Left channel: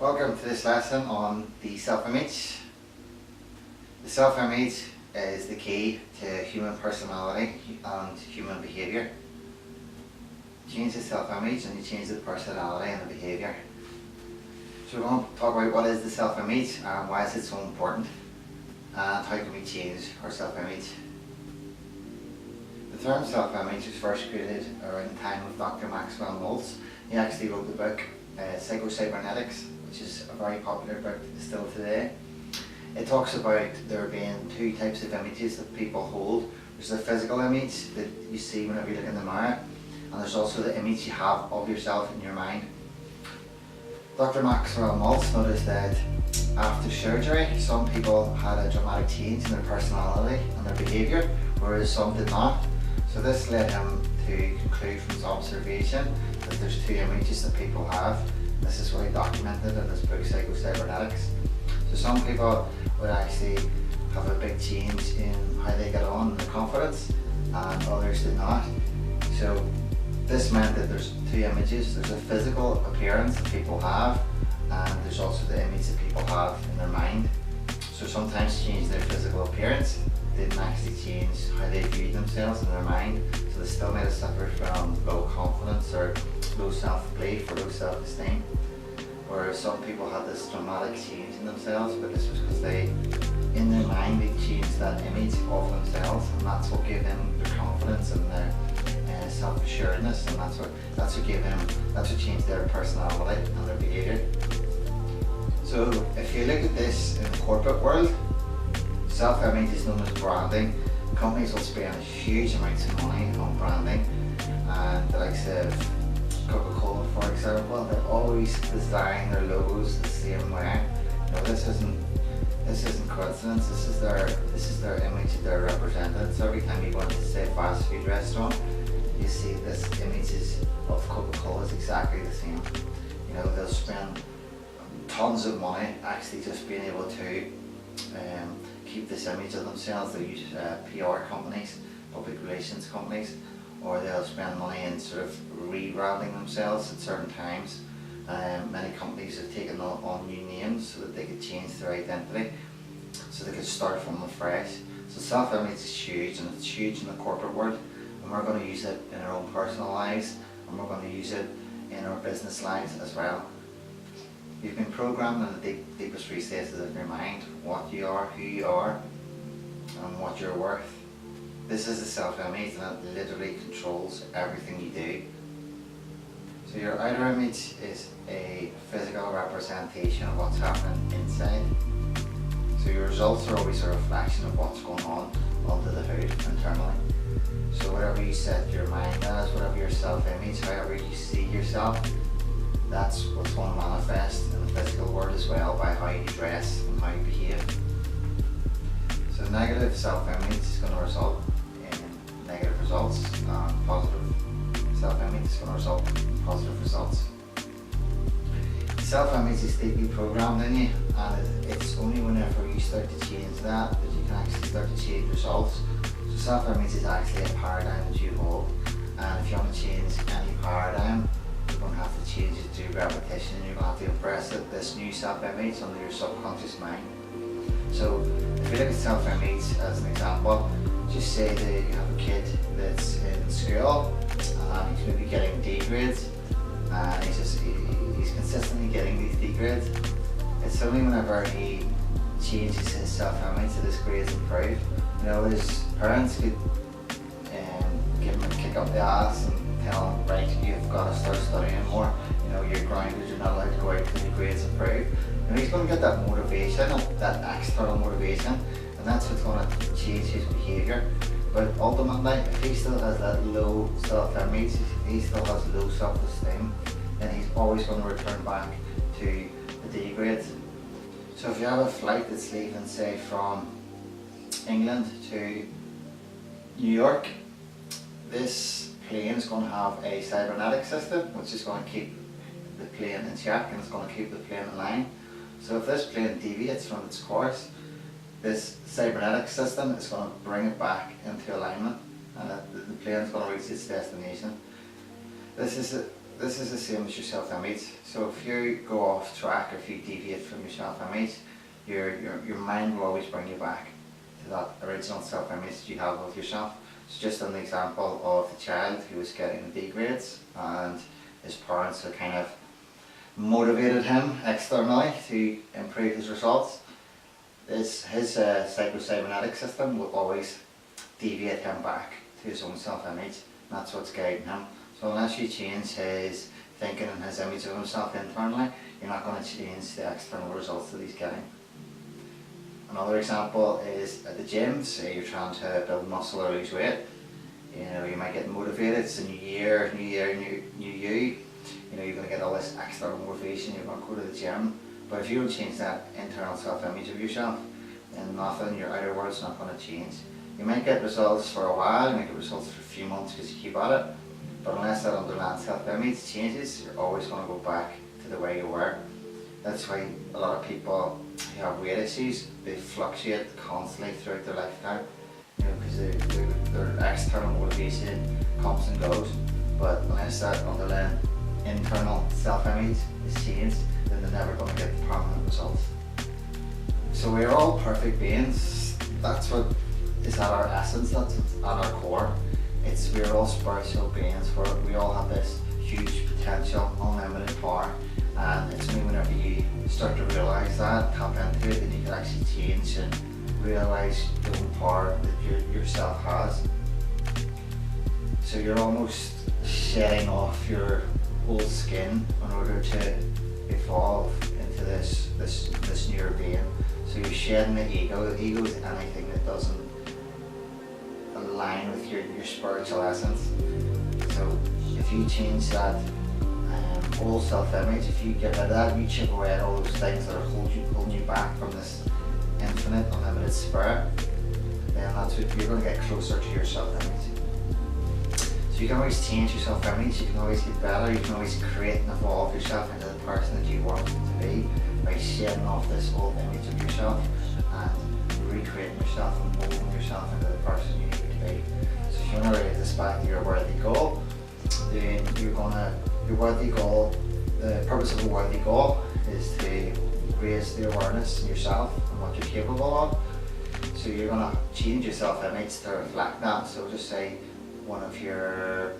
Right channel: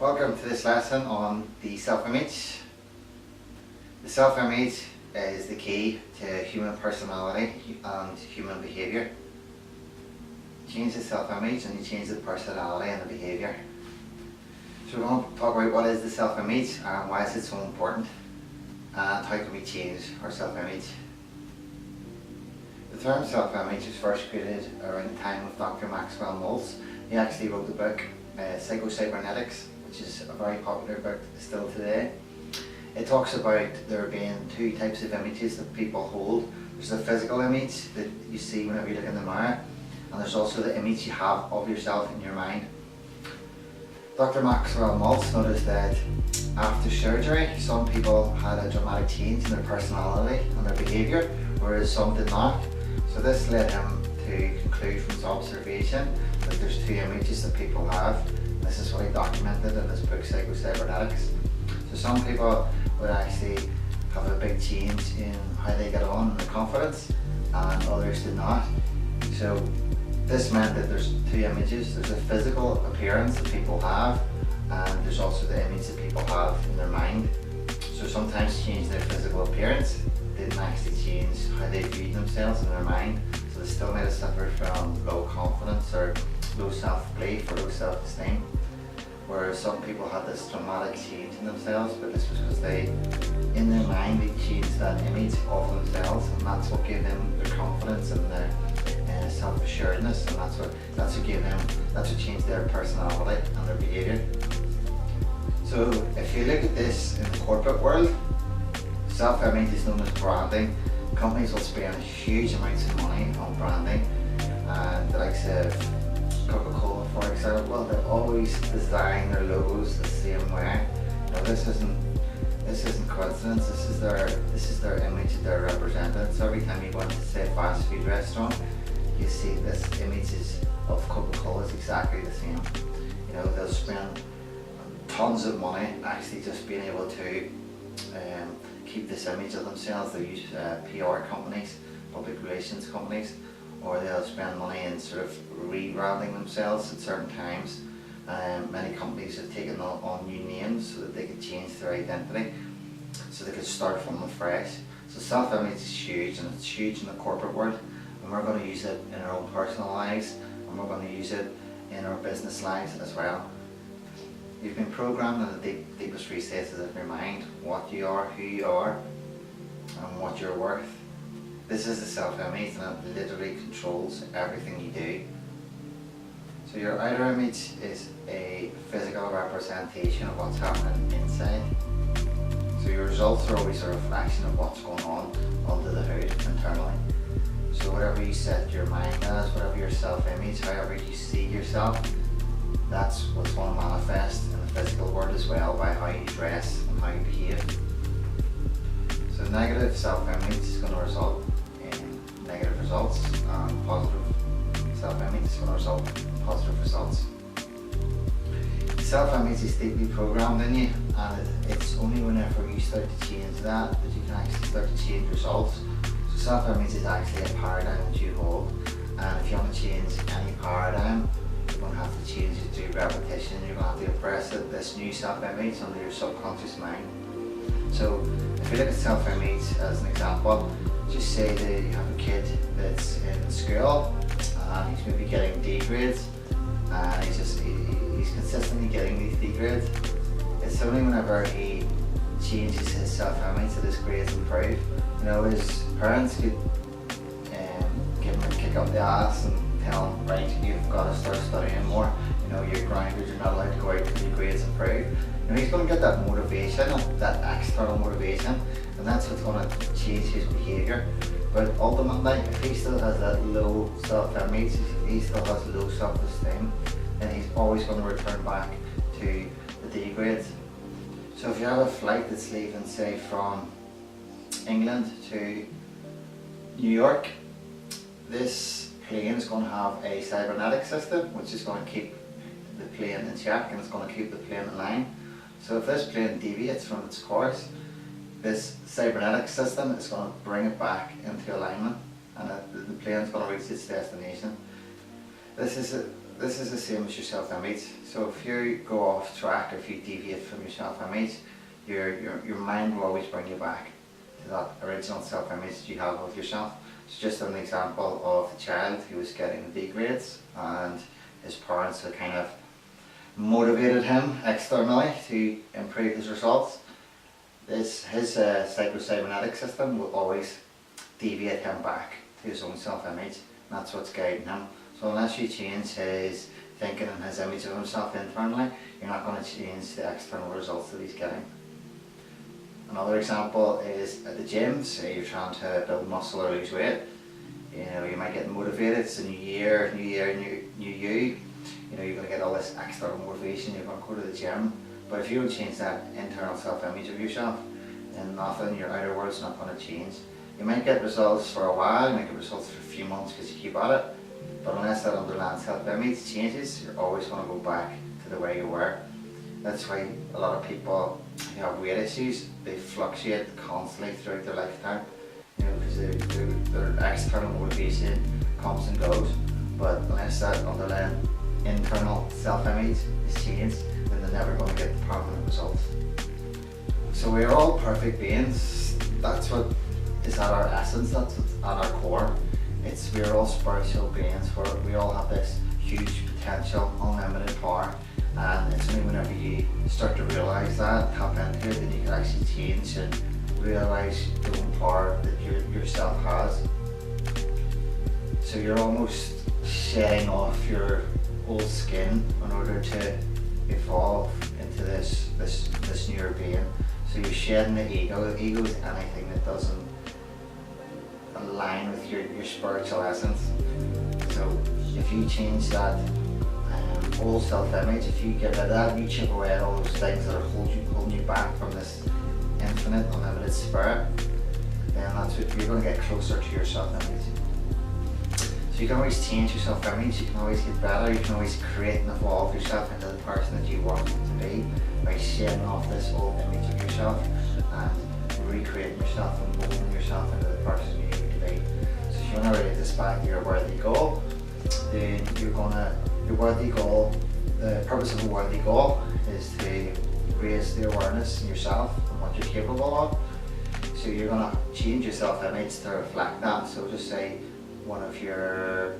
Welcome to this lesson on the self-image. The self-image is the key to human personality and human behaviour. Change the self-image and you change the personality and the behaviour. So we're going to talk about what is the self-image and why is it so important and how can we change our self-image. The term self-image was first created around the time of Dr. Maxwell Maltz. He actually wrote the book Psycho-Cybernetics, which is a very popular book still today. It talks about there being two types of images that people hold. There's the physical image that you see whenever you look in the mirror, and there's also the image you have of yourself in your mind. Dr. Maxwell Maltz noticed that after surgery, some people had a dramatic change in their personality and their behaviour, whereas some did not. So this led him to conclude from his observation that there's two images that people have. This is what he documented in his book Psycho-Cybernetics. So some people would actually have a big change in how they get on in their confidence, and others did not. So this meant that there's two images. There's a physical appearance that people have, and there's also the image that people have in their mind. So sometimes change their physical appearance didn't actually change how they viewed themselves in their mind. So they still might have suffered from low confidence or low self-belief or low self-esteem. Whereas some people had this dramatic change in themselves, but this was because they, in their mind, they changed that image of themselves, and that's what gave them their confidence and their self-assuredness, and that's what changed their personality and their behaviour. So if you look at this in the corporate world, self-image is known as branding. Companies will spend huge amounts of money on branding, and the likes of Coca-Cola, for example, they always design their logos the same way. You know, this isn't coincidence. This is their image that they're represented. So every time you go into, say, a fast food restaurant, you see this image of Coca-Cola is exactly the same. You know, they'll spend tons of money actually just being able to keep this image of themselves. They use PR companies, public relations companies, or they'll spend money in sort of rebranding themselves at certain times. Many companies have taken on new names so that they could change their identity, so they could start from afresh. So self-image is huge, and it's huge in the corporate world, and we're going to use it in our own personal lives, and we're going to use it in our business lives as well. You've been programmed in the deepest recesses of your mind, what you are, who you are, and what you're worth. This is the self-image, and it literally controls everything you do. So your outer image is a physical representation of what's happening inside. So your results are always a reflection of what's going on under the hood internally. So whatever you set your mind as, whatever your self-image, however you see yourself, that's what's going to manifest in the physical world as well, by how you dress and how you behave. So negative self-image is going to result in negative results, and positive self-image is going to result in positive results. Self-image is deeply programmed in you, and it's only whenever you start to change that you can actually start to change results. So self-image is actually a paradigm that you hold, and if you want to change any paradigm, you're going to have to change it through repetition. You're going to have to impress this new self-image under your subconscious mind. So if you look at self-image as an example, just say that you have a kid that's in school and he's maybe getting D grades, and he's consistently getting these D grades. It's only whenever he changes his self-image that his grades improve. You know, his parents could give him a kick up the ass and tell him, right, you've got to start studying more. You know, you're grounded, you're not allowed to go out until your grades improve. You know, he's going to get that motivation, that external motivation, and that's what's going to change his behaviour. But ultimately, if he still has that low self-image, if he still has low self-esteem, then he's always going to return back to the D grades. So if you have a flight that's leaving, say, from England to New York, this plane is going to have a cybernetic system which is going to keep the plane in check, and it's going to keep the plane in line. So if this plane deviates from its course, this cybernetic system is going to bring it back into alignment, and the plane is going to reach its destination. This is this is the same as your self-image. So if you go off track, or if you deviate from your self-image, your mind will always bring you back to that original self-image that you have of yourself. So just an example of the child who was getting the D grades, and his parents had kind of motivated him externally to improve his results. His psycho-cybernetic system will always deviate him back to his own self-image. That's what's guiding him. So unless you change his thinking and his image of himself internally, you're not going to change the external results that he's getting. Another example is at the gym. Say you're trying to build muscle or lose weight. You know, you might get motivated. It's a new year, new you. You know, you're going to get all this external motivation. You're going to go to the gym. But if you don't change that internal self-image of yourself, then nothing, your outer world's not going to change. You might get results for a while, you might get results for a few months because you keep at it, but unless that underlying self-image changes, you're always going to go back to the way you were. That's why a lot of people who have weight issues, they fluctuate constantly throughout their lifetime, you know, because their external motivation comes and goes, but unless that underlying internal self-image is changed, then they're never going to get the permanent results. So we're all perfect beings. That's what is at our essence, that's what's at our core. We're all spiritual beings, we all have this huge potential, unlimited power, and it's only whenever you start to realise that, tap into it, then you can actually change and realise the own power that yourself has. So you're almost shedding off your old skin in order to evolve into this newer being. So you're shedding the ego. The ego is anything that doesn't align with your spiritual essence. So if you change that old self-image, if you get rid of that, you chip away at all those things that are holding you back from this infinite, unlimited spirit, then that's what you're going to get closer to your self-image. So you can always change your self-image, you can always get better, you can always create and evolve yourself into the person that you want to be by shedding off this old image of yourself and recreating yourself and molding yourself into the person you need to be. So if you want to relate this back to your worthy goal, then your worthy goal, the purpose of a worthy goal is to raise the awareness in yourself and what you're capable of. So you're going to change your self-image to reflect that. So just say one of your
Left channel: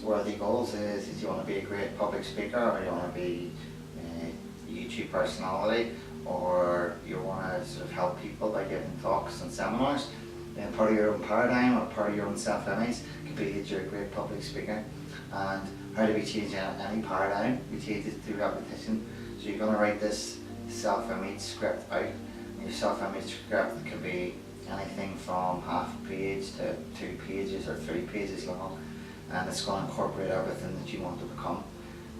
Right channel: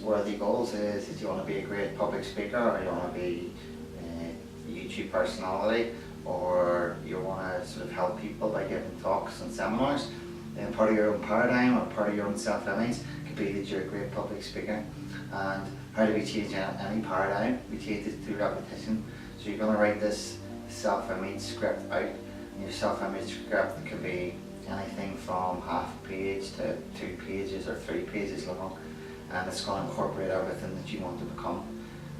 worthy goals is you want to be a great public speaker, or you want to be a YouTube personality, or you want to sort of help people by giving talks and seminars. Then part of your own paradigm or part of your own self-image could be that you're a great public speaker. And how do we change any paradigm? We change it through repetition. So you're going to write this self-image script out. And your self-image script can be anything from half a page to 2 pages or 3 pages long, and it's going to incorporate everything that you want to become.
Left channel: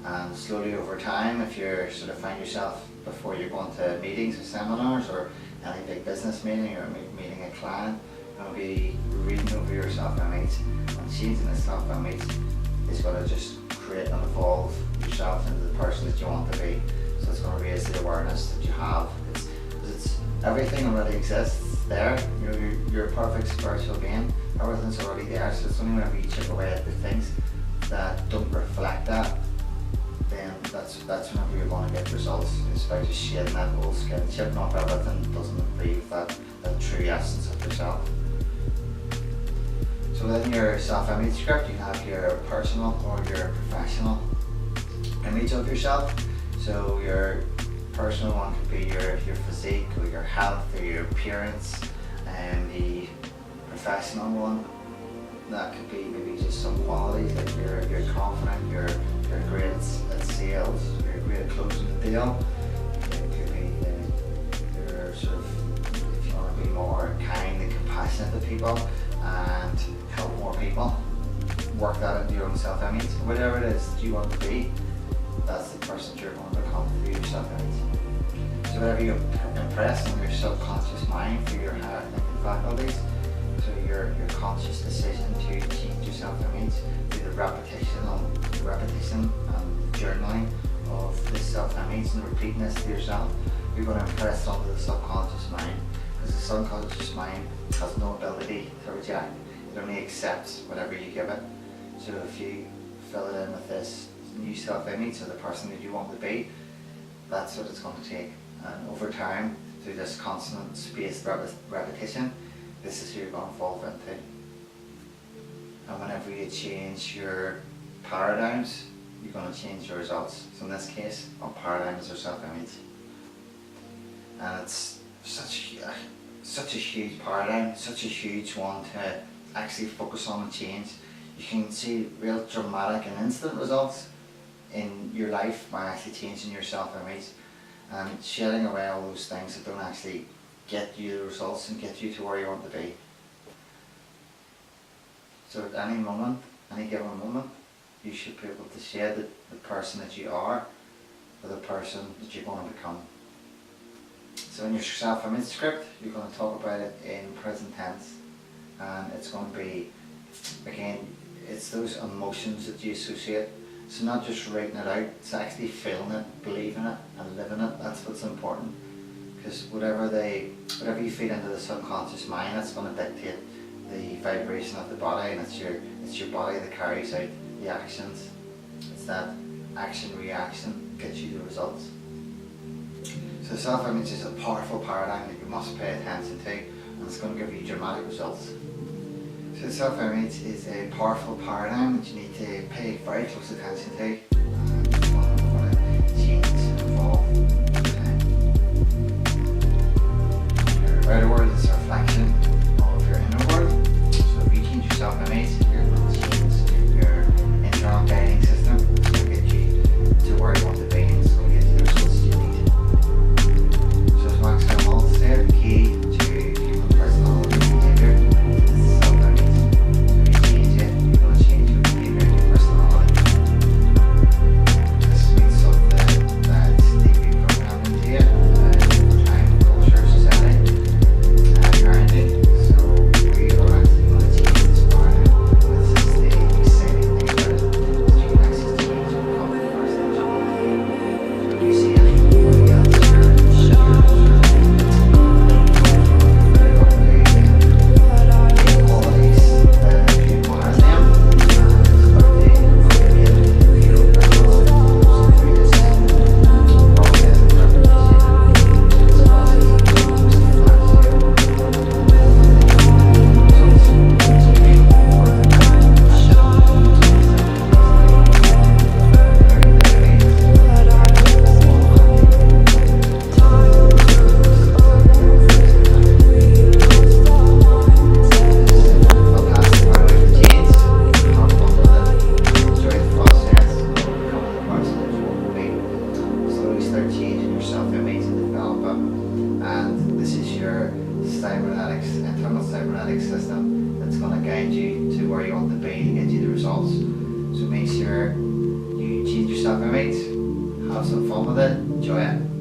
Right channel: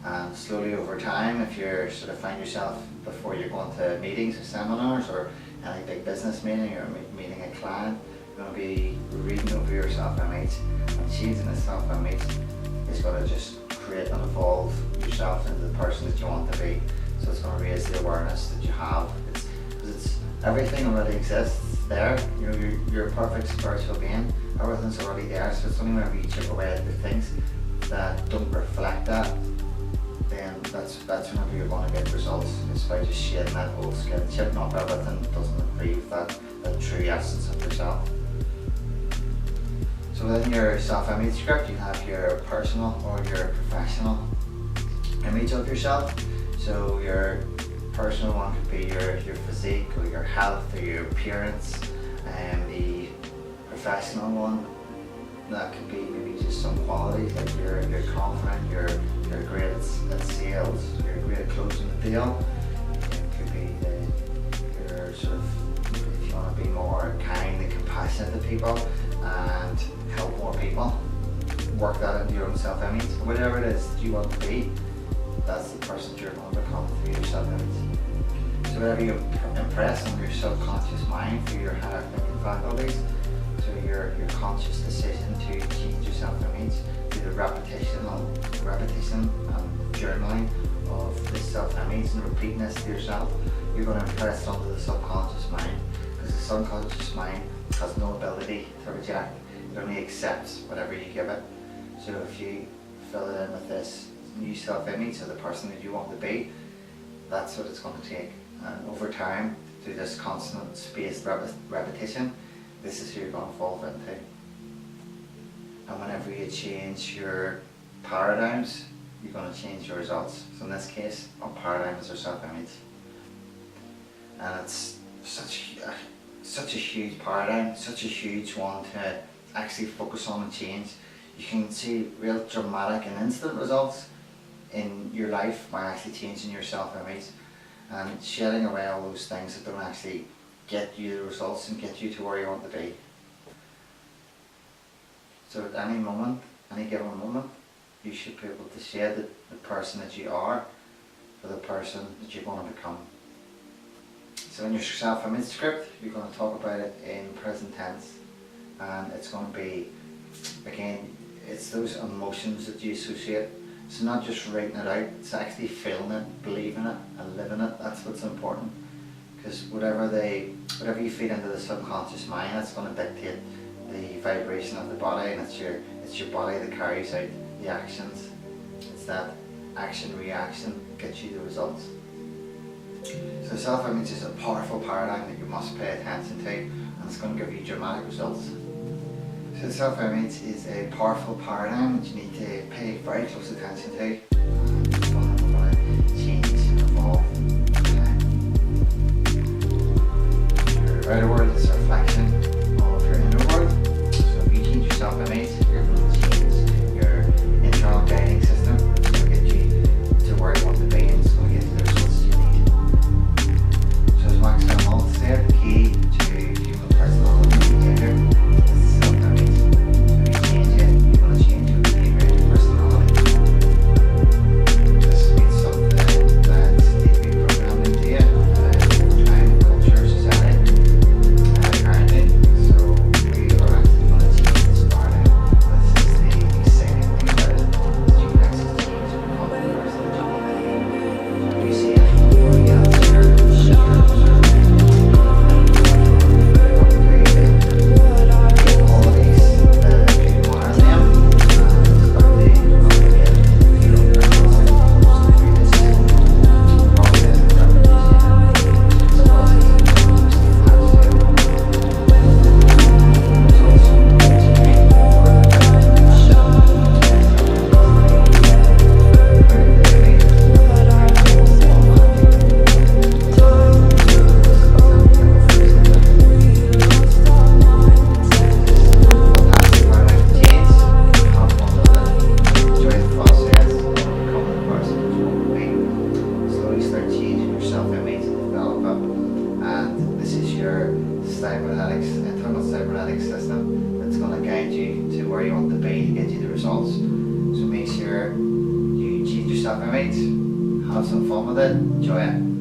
And slowly over time, if you sort of find yourself before you're going to meetings or seminars or any big business meeting or meeting a client, you're going to be reading over your self-image, and changing the self-image is going to just create and evolve yourself into the person that you want to be. So it's going to raise the awareness that you have. It's everything already exists there. You're a perfect spiritual being. Everything's already there. So it's only whenever you chip away at the things that don't reflect that, then that's whenever you're going to get results. It's by just shedding that old skin, chipping off everything that doesn't improve that true essence of yourself. So within your self-image script, you have your personal or your professional image of yourself. So your personal one could be your physique or your health or your appearance, and the professional one, that could be maybe just some qualities like you're confident, you're great at sales, you're great at closing the deal. It could be you're sort of, if you want to be more kind and compassionate to people and help more people, work that into your own self-image. Whatever it is that you want to be, that's the person you're going to become through your self-image. So whatever you impress on your subconscious mind through your higher thinking faculties, so your conscious decision to change your self-image through the repetition and journaling of this self-image and repeating this to yourself, you're going to impress onto the subconscious mind, because the subconscious mind has no ability to reject. It only accepts whatever you give it. So if you fill it in with this new self-image of the person that you want to be. That's what it's going to take. And over time, through this constant spaced repetition, this is who you're going to evolve into. And whenever you change your paradigms, you're going to change your results. So in this case, our paradigm is our self-image. And it's such a huge paradigm, such a huge one to actually focus on and change. You can see real dramatic and instant results in your life by actually changing your self-image and shedding away all those things that don't actually get you the results and get you to where you want to be. So at any moment, any given moment, you should be able to shed the person that you are for the person that you're going to become. So in your self-image script, you're going to talk about it in present tense, and it's going to be, again, it's those emotions that you associate. It's not just writing it out, it's actually feeling it, believing it and living it. That's what's important, because whatever you feed into the subconscious mind, that's going to dictate the vibration of the body, and it's your body that carries out the actions. It's that action reaction gets you the results. So self-image is a powerful paradigm that you must pay attention to, and it's going to give you dramatic results. So self-image is a powerful paradigm that you need to pay very close attention to, and it's one that we're going to change and evolve over time. Your outer world is a reflection of your inner world. So if you change your self-image, you're going to change your internal guiding system. It's going to get you to where you want to be, and it's going to get you the results you need. So as Maxwell Maltz said, the key to human personality and behaviour is self-image. So if you change it, you're going to change your behaviour and your personality. This means something that's deeply programmed into you over time, culture, society, parenting. So we are actually going to change this paradigm. This is the exciting thing about it, is you can actually change and become the person that you want to be. So if you see anything where you have internal cybernetic system that's going to guide you to where you want to be and get you the results. So make sure you change your self-image, have some fun with it, enjoy it.